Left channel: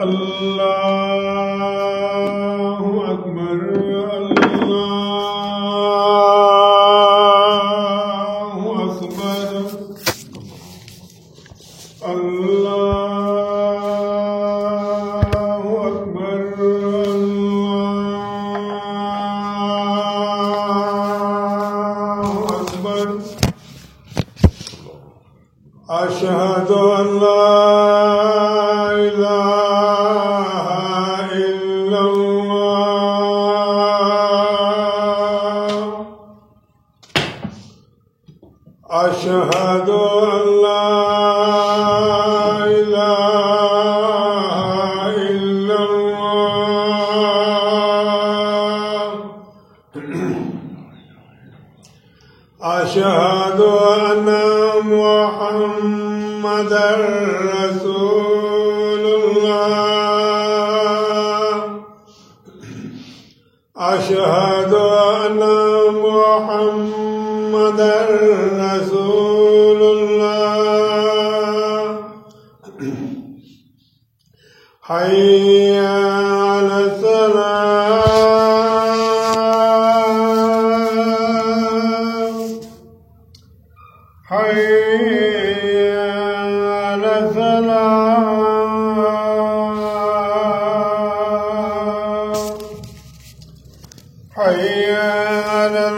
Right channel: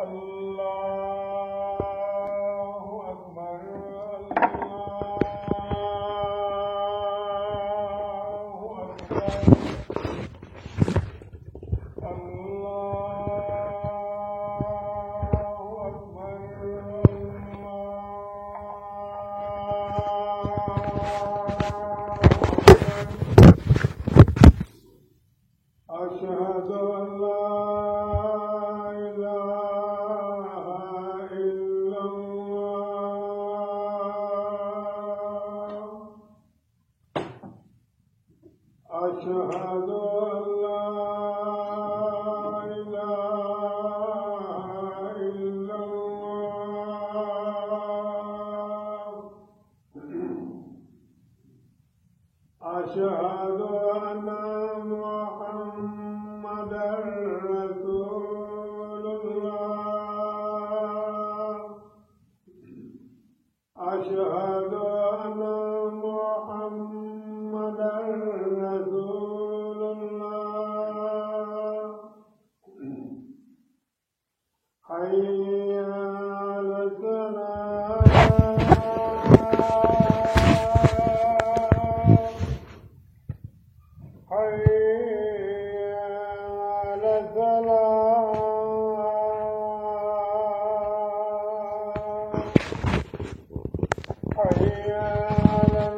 الله أكبر أشهد أن لا إله إلا الله أشهد أن لا إله إلا الله أشهد أن محمدًا رسول الله أشهد أن محمدًا رسول الله حي على الصلاة حي على الفلاح حي على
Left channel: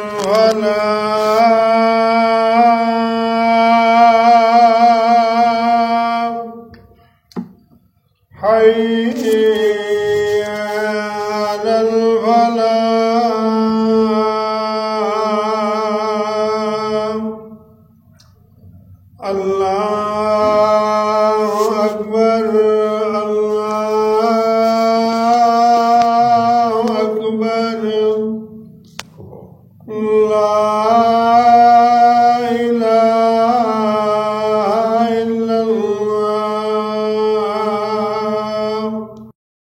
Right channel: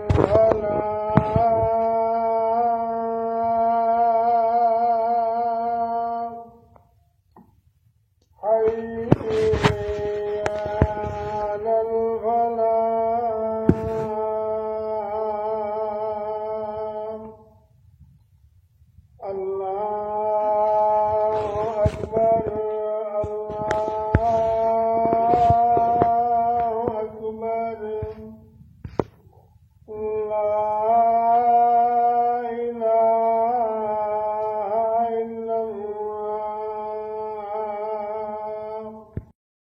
الفلاح حي على الفلاح الله أكبر الله أكبر الله